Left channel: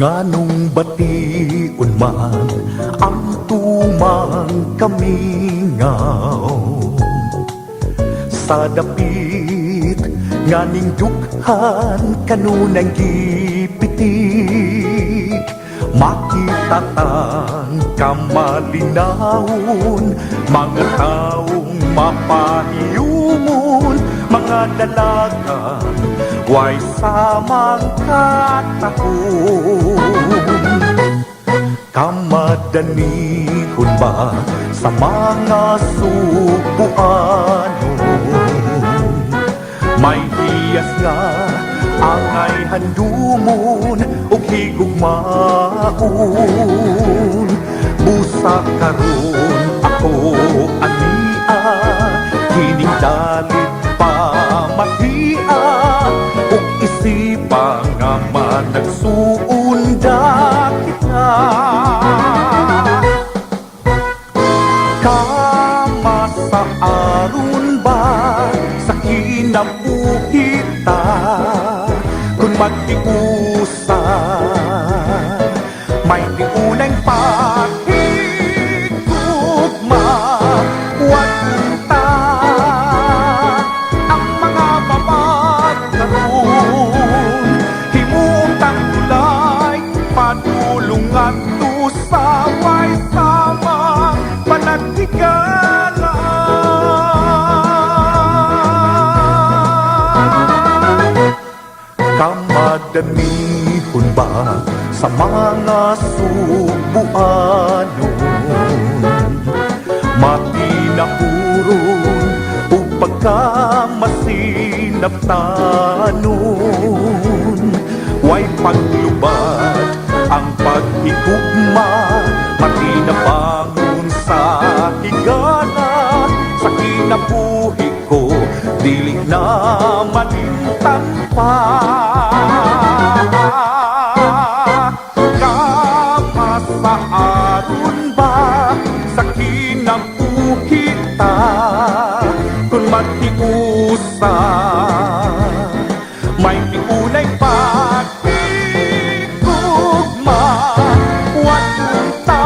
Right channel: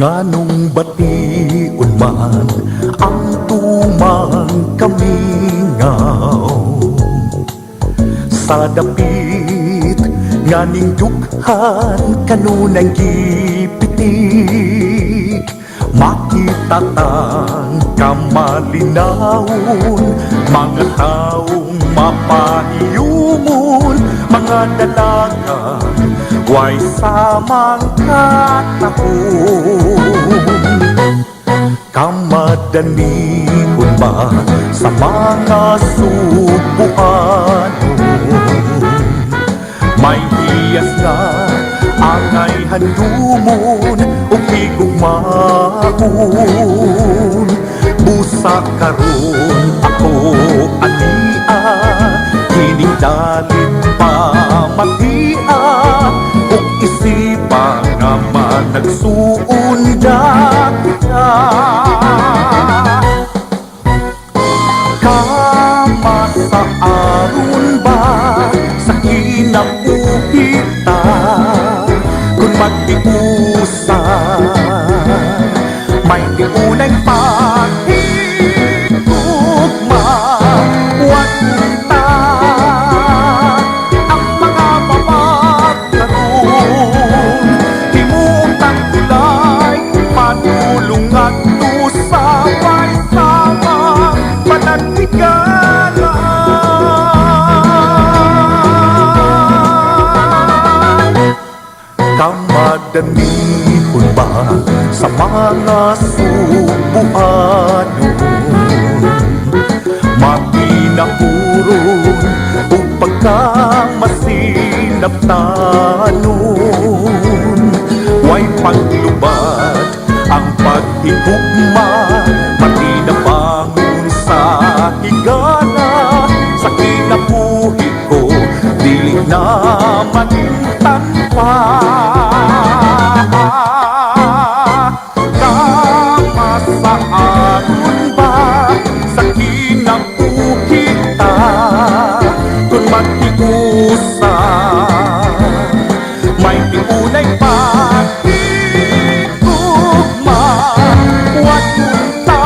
Nganong bation man ang tumang kamingaw sa dapit nganing dukhan kanunay gipitik makita tang kamalinawon mga taong mapahiyumon mga dalaga way samang katahon kamadanihon ba sa mga subuan may hiyas nga angay handumon ug higugmaon busa karon ako ania kining dalit pa matia ug isipan nga managsuundag na kama sa aron ba sa kinabuhita kung mag-iusa may iunay pagtugma huwag kita ang mga mamagkaroon himutang tulay matulungan to sa may samang panagtiganan kamadanihon ba sa mga subuan makinahuron ug pagkamasinabtanon way paglubad ang paghigugma pati na bangon sa higala sa kinabuhi ko dili na magtampa kama sa aron ba sa kinabuhita kung mag-iusa may iunay pagtugma huwag kita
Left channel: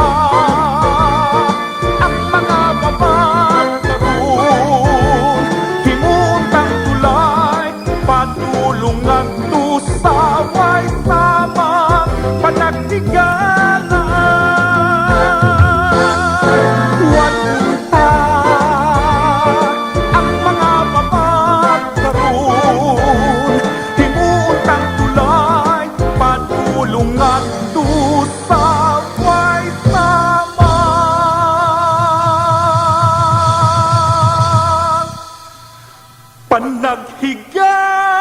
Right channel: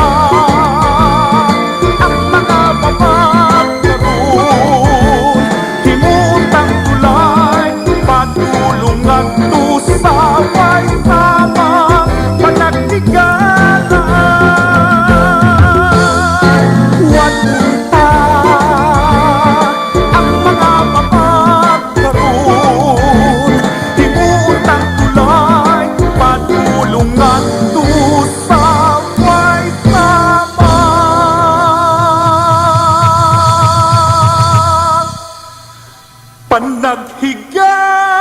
ang mga mamagkaroon himutang tulay patulungan to sa may samang panagtiganan huwag kita ang mga mamagkaroon himutang tulay patulungan to sa may samang panaghiganan